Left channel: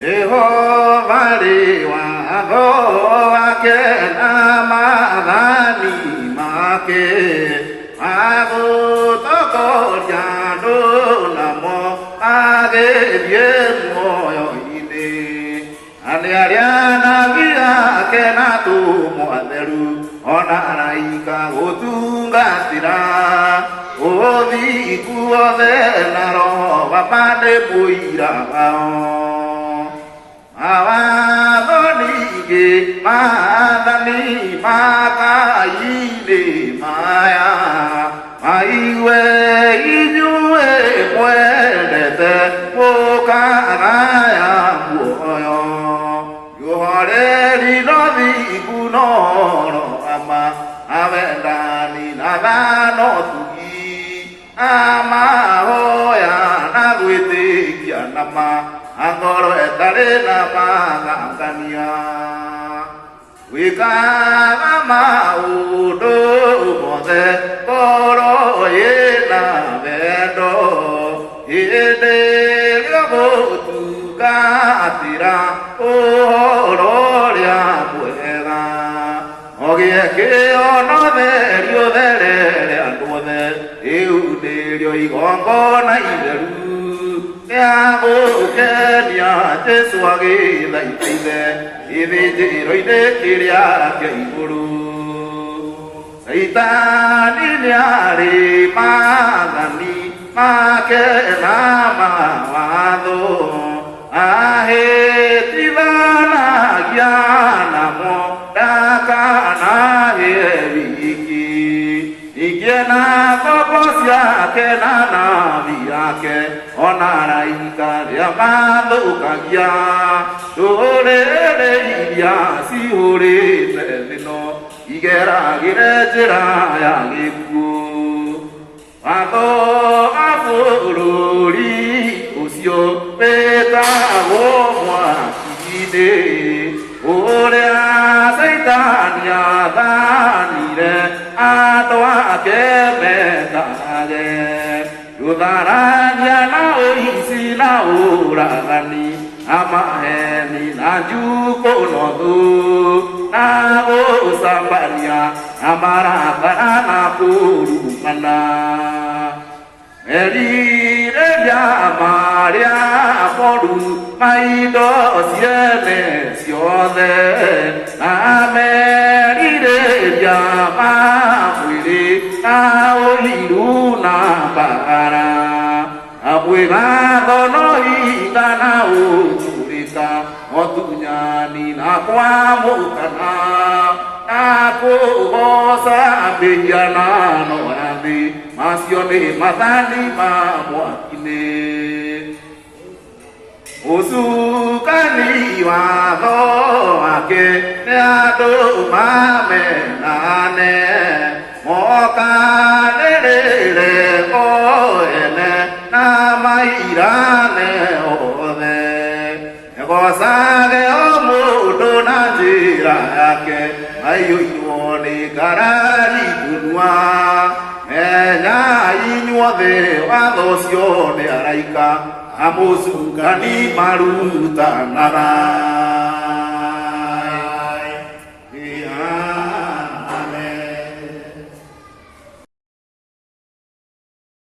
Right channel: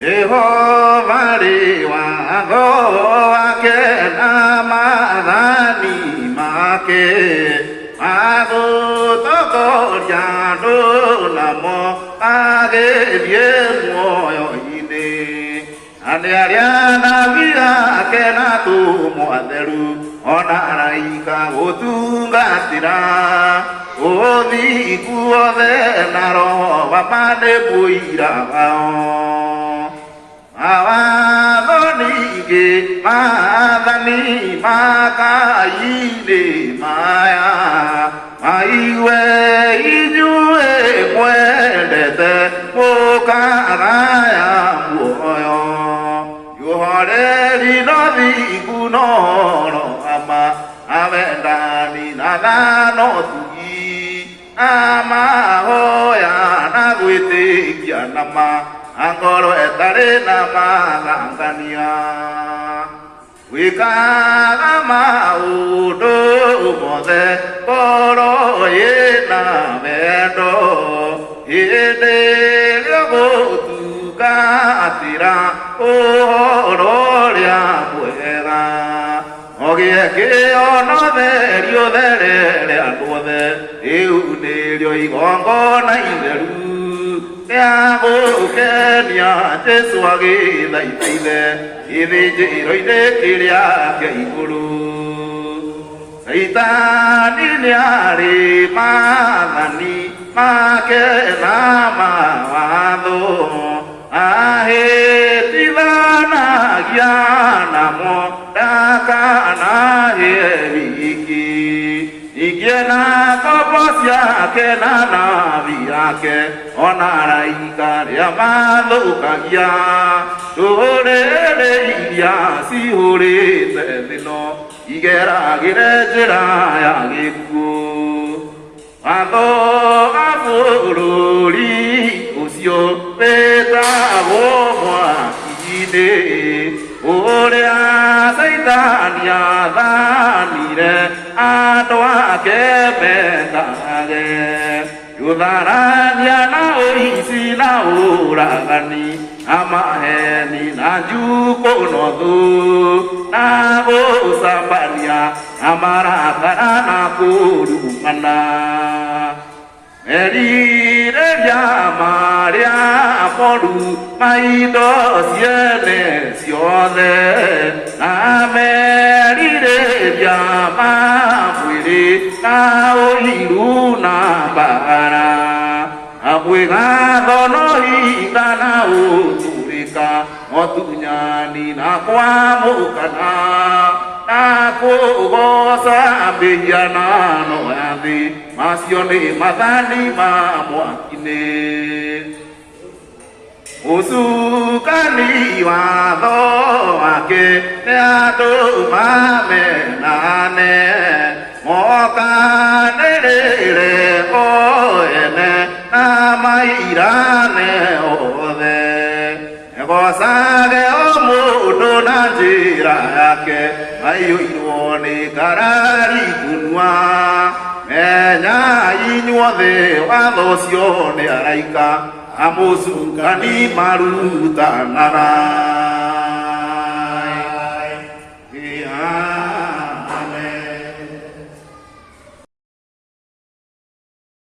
Jehovah liwa goake namadani make mago toko jano namo age bien moyo ine ane ariana via ke na tu moaderu ona raika otunga tira odi kuode naro bapade buira Awadonige madani makaile maya maiwe inyue mwelete mokaraya mwoyo yuhoreri novi kunono ama avendani nadano tugi ama hoya nagwitikia nama Angkoro etare nama ngangkania Wika nama udo mode Koro yena vendo Hide yogo tuka atira Ororia puega Ogie ke ono derio dere Anduode Euderio igongo na iberu Ya Kenya Teswagi Laitile Ide Roide Kiria Gaiburu Saitani Liari Manani Make Nama Wado Ahe Tivana Yanamo Dakana Yeriki Igena koposya ke nana viake onara ikaria malukagia ore ya si ore tedino igera girejera ya giku ando afururi usio peta gomwa ide ore asaitania danire Adoa kebetage Yudaranya na oisi na uragani Amaheni na juko nodu Na osambaria Amarakara na kurumana Merire ya maria poru Maido siene siode Na merire ya na oliru na bara abuega dono ita na uturika otunyani na kwa mukana na kugosa biyana no andi masione madani mamwakine Usukani wado ake neado mame nane Moka nere oene na mairane ode Egosage omudo na jira yake Ayu iwone karari kunwa Menya inyuode wadosione araika Amusukani maruta nara